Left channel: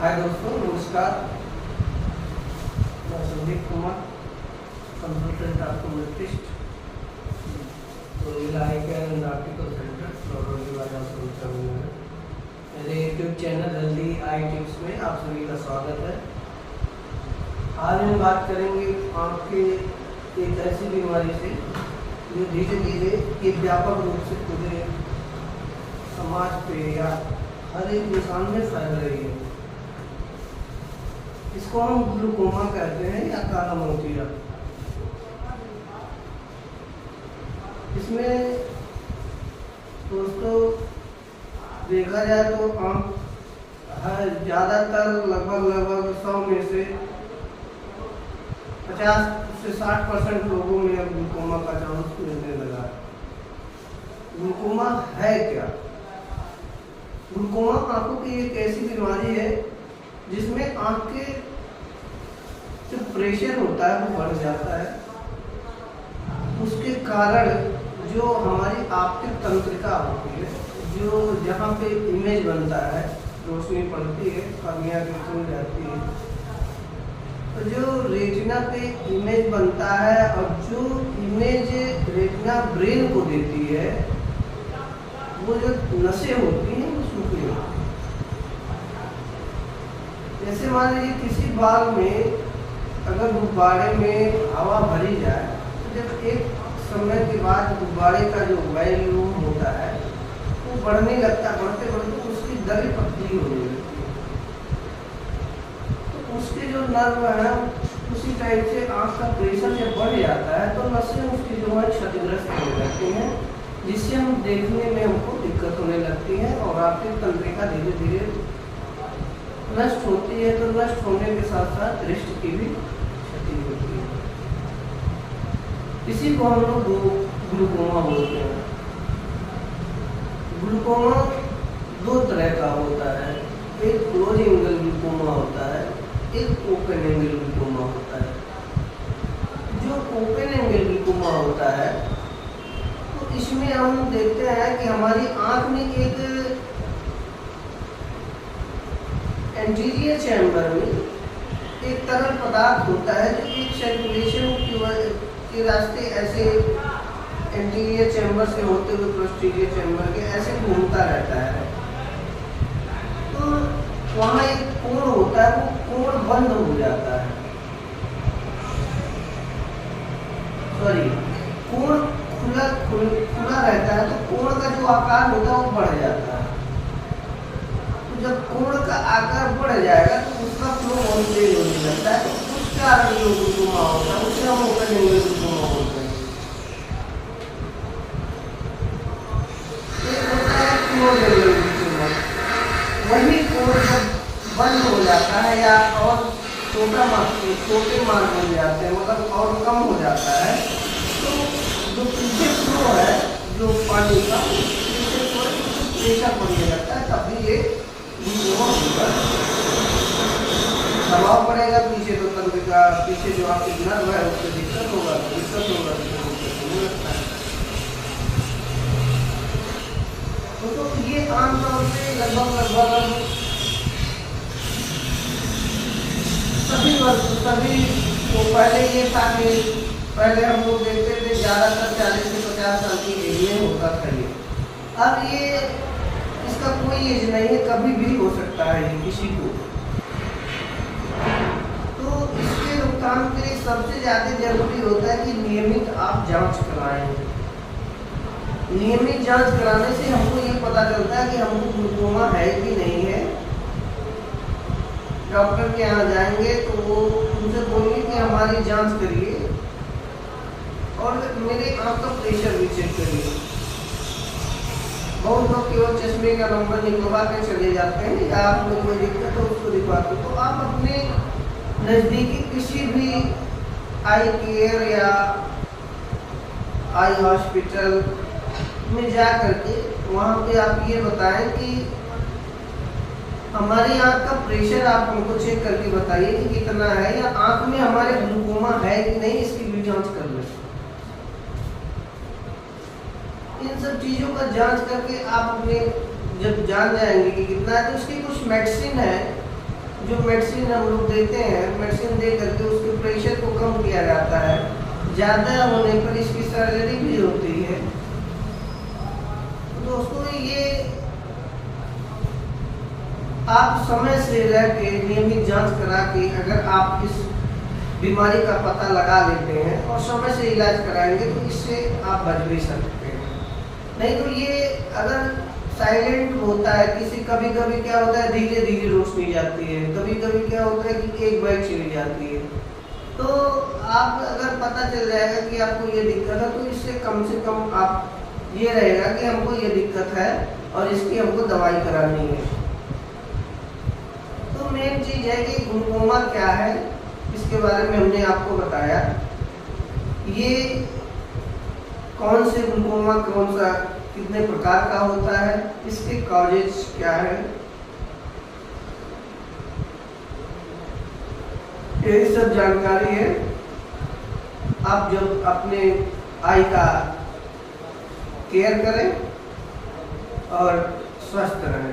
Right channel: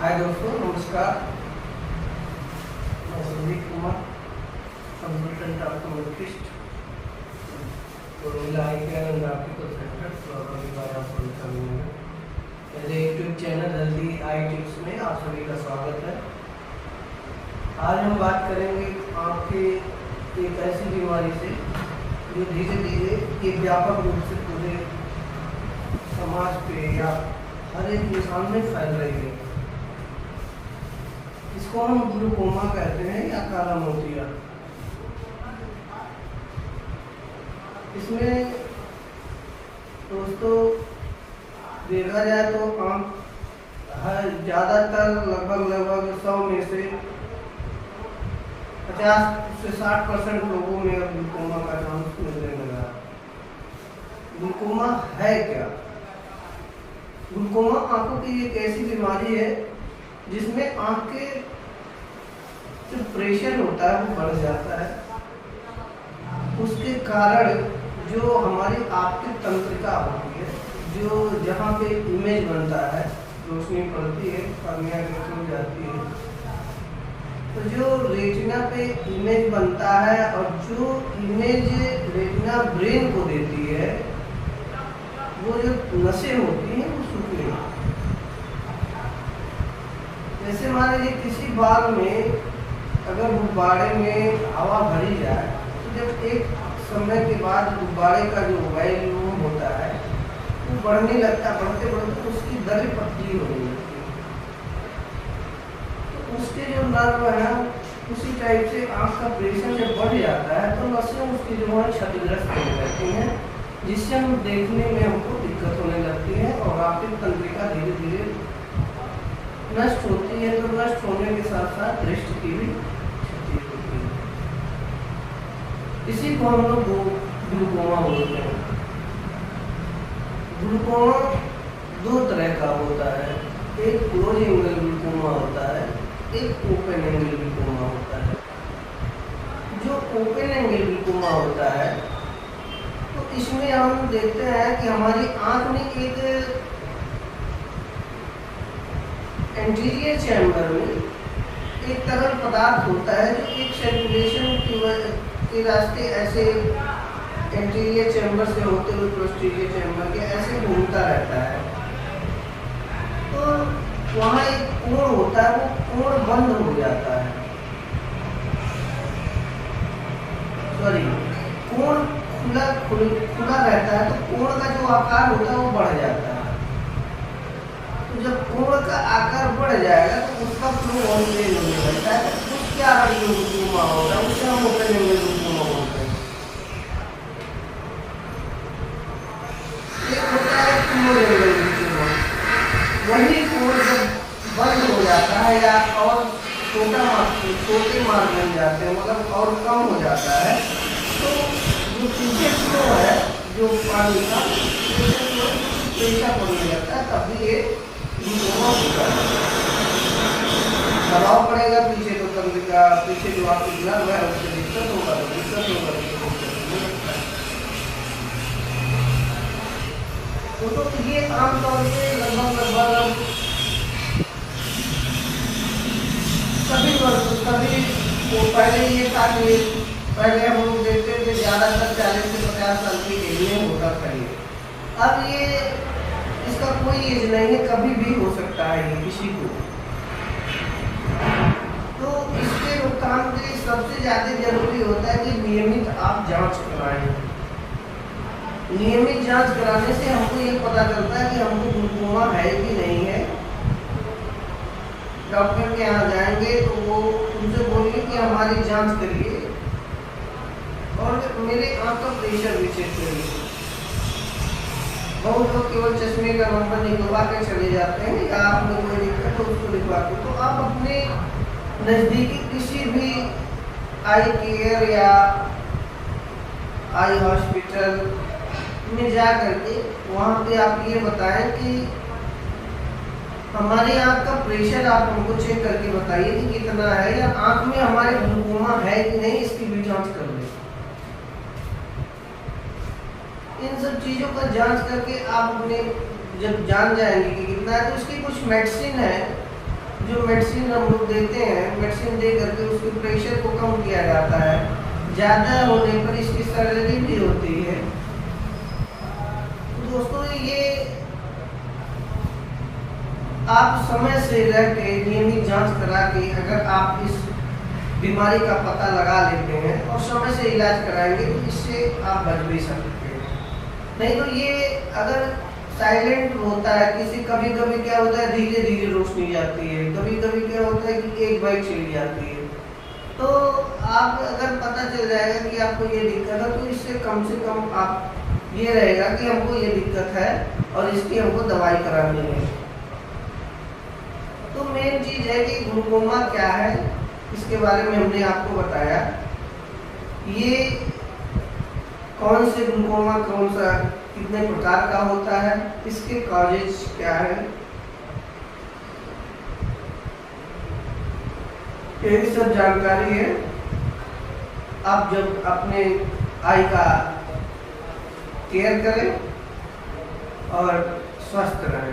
हाय दोस्तों, नमस्कार। मैं संदीप कुमार, कंसल्टेंट ऑप्टोमेट्रिस्ट, और आई केयर एंड ऑप्टिकल सेंटर, फ्लोरोली बाजार सोनीपत। मेरे YouTube channel healthy I tips में आप सभी का स्वागत है। आज हम बात करेंगे आपके एक ऐसी बीमारी से जो धीरे धीरे एक व्यापक रूप से पूरे समाज पे या हर एक इंसान में फैल रही है। इसको हम ग्लूकोमा कहते हैं या काला मोतिया। इसमें दोस्तों देखा जाए तो आम हर ज़्यादातर लगभग 100 में से 50 से 60% लोगों में अब ग्लूकोमा का चांस मिलने लगा। ग्लूकोमा है क्या? ग्लूकोमा आंखों की एक ऐसी बीमारी है जिसमें आंख के जो प्रेशर होता है वो बढ़ जाता है। उसके कारण जो हमारी ऑप्टिक तंत्रिका होती है, जो जहाँ पे इमेज बनता है, रोशनी पड़ती है, कर्निया की खुल जाती है, तो जो रेटिना पे इमेज बनता है और जो इमेज रेटिना ब्रेन को देती है, वो जो नसें होती हैं वो सूखने लगती हैं। जैसे मान लीजिए किसी बाग में अगर गुब्बारे में हवा भरी जाए तो जब एक समय के बाद गुब्बारे का जो वॉल्यूम होता है वो बढ़ने लगता है, बढ़ते बढ़ते उसकी दर पतली होने लगती है। तो उसके जो नर्व है उसी टाइप से आँख का प्रेशर जब बढ़ जाता है तो नसें उसकी जो है क्षतिग्रस्त होने लगती हैं, जिससे हम देखने में हमको दिक्कत होने लगती है और ऑप्टिक तंत्रिका धीरे धीरे नष्ट होती है। तो नष्ट होने के साथ साथ दृष्टि की भी क्षति होती है। इसी को हम लोग ग्लूकोमा बोलते हैं। ग्लूकोमा दो तरह का होता है, एक क्लोज एंगल ग्लूकोमा होता है, एक ओपन एंगल ग्लूकोमा होता है। जो ओपन एंगल ग्लूकोमा होता है तो इसमें हम देखते हैं कि हमारी आंख में एक एंटीरियर चैम्बर में एक तरल पदार्थ होता है जो एक सर्कुलेशन के रास्ते ऐसे एंटीरियर चैम्बर से होते हुए पोस्टीरियर चैम्बर के ऐसे घूमता रहता है। तो वहाँ एक कोण होता है, वो कोण बंद हो जाता है, सॉरी कोण खुला रहता है, तो कोण का जो आकार होता है वो बढ़ जाता है। जब कोण का आकार बढ़ जाएगा तो उसका फ्लो और तेज होने लगता है, तो उस कारण जो ग्लूकोमा होगा उसे हम ओपन एंगल ग्लूकोमा बोलते हैं। एक होता है क्लोज एंगल ग्लूकोमा, वही कोण जब बंद हो जाता है या और छोटे मार्ग बन जाते हैं, मतलब और कम हो जाता है, तो जो पीछे फ्लो है जो पानी का पीछे फ्लो प्रेशर पड़ने लगता है, तभी ये दबाव पड़ेगा पीछे, तो तंत्रिका पीछे जो आपकी नर्व है उससे दिक्कत होगा। तो ये आमतौर पे लगभग सभी वो पहले ये था कि पहले हम लोग देखते थे ज़्यादातर 40 से 50 साल की एज में होता था ये। अब ये इसका कोई एज नहीं है, कभी भी हो सकता है ये किसी को। तो इसके रोकथाम के लिए सबसे ज़्यादा जरूरी होता है कि नियमित आप जांच कराएं। नियमित जांच कराने से हमको ये पता चलता है कि हमको ग्लूकोमा है कि नहीं है। डॉक्टर के यहाँ जाएंगे तो वो उनसे बोलेंगे कि हमारी जांच करिए और मेरे आँख का प्रेशर भी चेक करिए। बहुत लोग केवल चश्मे का नंबर निकलवा के चले जाते हैं या आप लोग कोई दिक्कत हो उसको दिखवाते हो। तो आप अपने नज़दीकी किसी भी आई केयर या आई हॉस्पिटल में जा करके वहाँ पे आप ये बताएं कि हमारी आँख का प्रेशर आप हमको चेक करके बताइए कि कितना है, या आँख में हमारे ग्लूकोमा है कि नहीं, इसकी भी जांच कर लें। इन सब चीज़ों का जांच करके आप अपने जब जान जाएंगे कि कितना है, तो उसकी कुछ मेडिसिन है जो मेडिसिन हम लोग देते हैं, मेडिसिन दे करके उसके प्रेशर को कम किया जाता है। ज़्यादा होने पर इसकी सर्जरी भी होती है। दोस्तों ये आप समय से लेके नियमित जांच करा के अगर आप इस बीमारी का पता लगा लेते हैं और समय से इलाज कराएंगे तो इससे आप बच भी सकते हैं। नहीं तो ये अगर साइलेंट होता है, किसी कभी कभी क्या होता है धीरे धीरे रोशनी जाती है, कभी कभी क्या होता है कि एक बाइक चली जाती है। तो आप अगर पता चल जाएगा कि आपको ये दिक्कत है तो इससे कम से कम आप ये रहेगा कि हमको ये दिक्कत है और इसकी हमको दवाई करानी है। तो मेन चीज है कि ग्लूकोमा क्या है, इसके बारे में हमने आपको बताया। ये कौन से ग्लूकोमा कौन सा कितने प्रकार का होता है, इसके कॉजेज क्या है, यही सब जानकारी है। आप जब अपने आई का केयर करें और स्वस्थ रहें।